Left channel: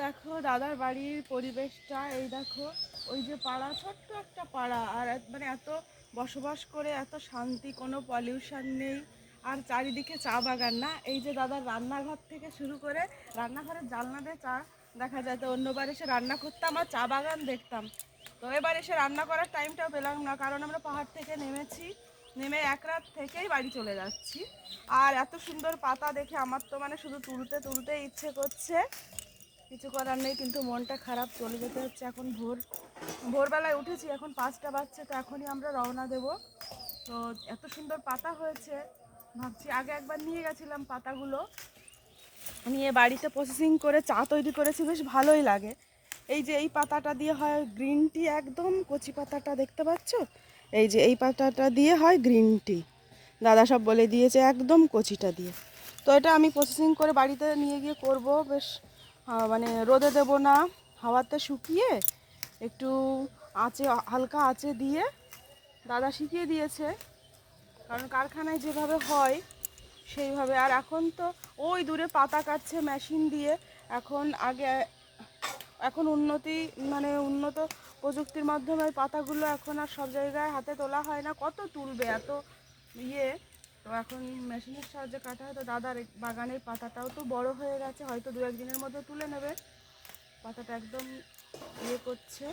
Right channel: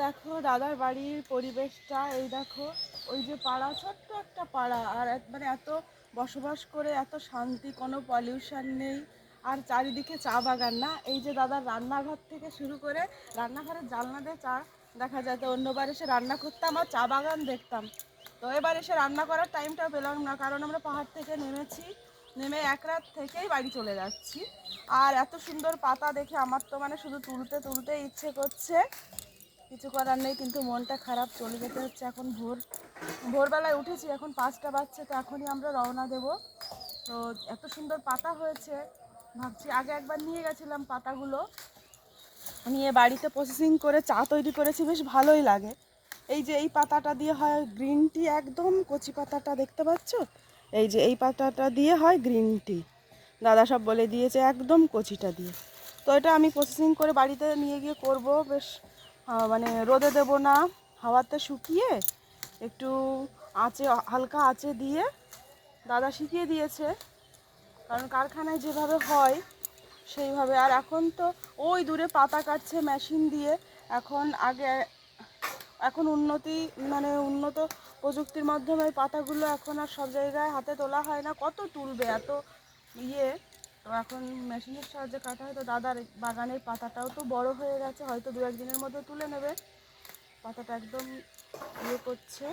দেখো দাদার বাড়ির পরিবেশটা, এই দেখো ওই যে পাড়া, ছোট্ট একটা পাড়া, আর মানে এত বসবাস করে এত শান্তি, কোনো পলিউশন নেই, আর চারিদিকে চা বাগান। না, এই যে দাদার রান্নাঘর থেকে শুরু করে রান্নাঘরের জানলা দিয়ে চা দেখা যায়। তো অন্যবার এসে রান্না করতাম আর চা বাগান দেখতাম, তো এবার এসে রান্না করার টাইমটা পেলাম না, কারণ আমরা পাহাড় থেকে নেমেছি, নেমে এক রাত থেকেই বাড়ি চলে যাচ্ছি। আর এত সুন্দর পাতা দেখে আমার তো মানে শুধু তুলতে তুলতে ইচ্ছে করছে, কিছু করার নেই, কিন্তু মনটা খারাপ, চলে যেতে হচ্ছে। এখন ভোরবেলায় উঠেছি, এখন 5টা বাজছে, তো এখনই আমরা রওনা দেব। তো এত সুন্দর পাতা হয়েছে, ভাবছি আগে একবার নিয়ে গেছিলাম পাতাগুলো, নিয়ে বাড়িতে প্রসেসিং করে চা তৈরি করেছি, বেশ ভালোই লাগে। এই যে এই পাতাটা দিয়ে হয় গ্রিন টি, একদম কচি পাতাটা দেখতে পাচ্ছ, এই যে এই পাতাটা দিয়ে হয় গ্রিন টি, দাদা সব বলে দিয়েছে, একদম কচিটা দিয়ে। তো এটা আমি প্রসেসিং করে বাড়িতে নিয়ে গিয়ে করব, বেশ মানে রোদে দেব না, হাওয়াতে শুকিয়ে একটু আঁচে, হালকা আঁচে দিয়ে, দাদা শিখিয়ে দিয়েছে, কারণ কারখানায় যেভাবে হয় সেইভাবে। আর এখন তো ওই দূরে পাতা কাটছে মেশিন দিয়ে, এখন উন্নত প্রযুক্তির মাধ্যমে পাতাগুলো এখন আর সব জায়গায় হাতে তোলা হয় না, কত তুলবে এত ইয়ে। তো এখন মেশিনের সাহায্যে কাটা হয়। তো দাদার বাগানের পাতাটাও তো বড় হয়ে গেছে, হয়তো 2-1 দিনের মধ্যে তুলে নেবে, পাতাটা একদম ইয়ে করছে।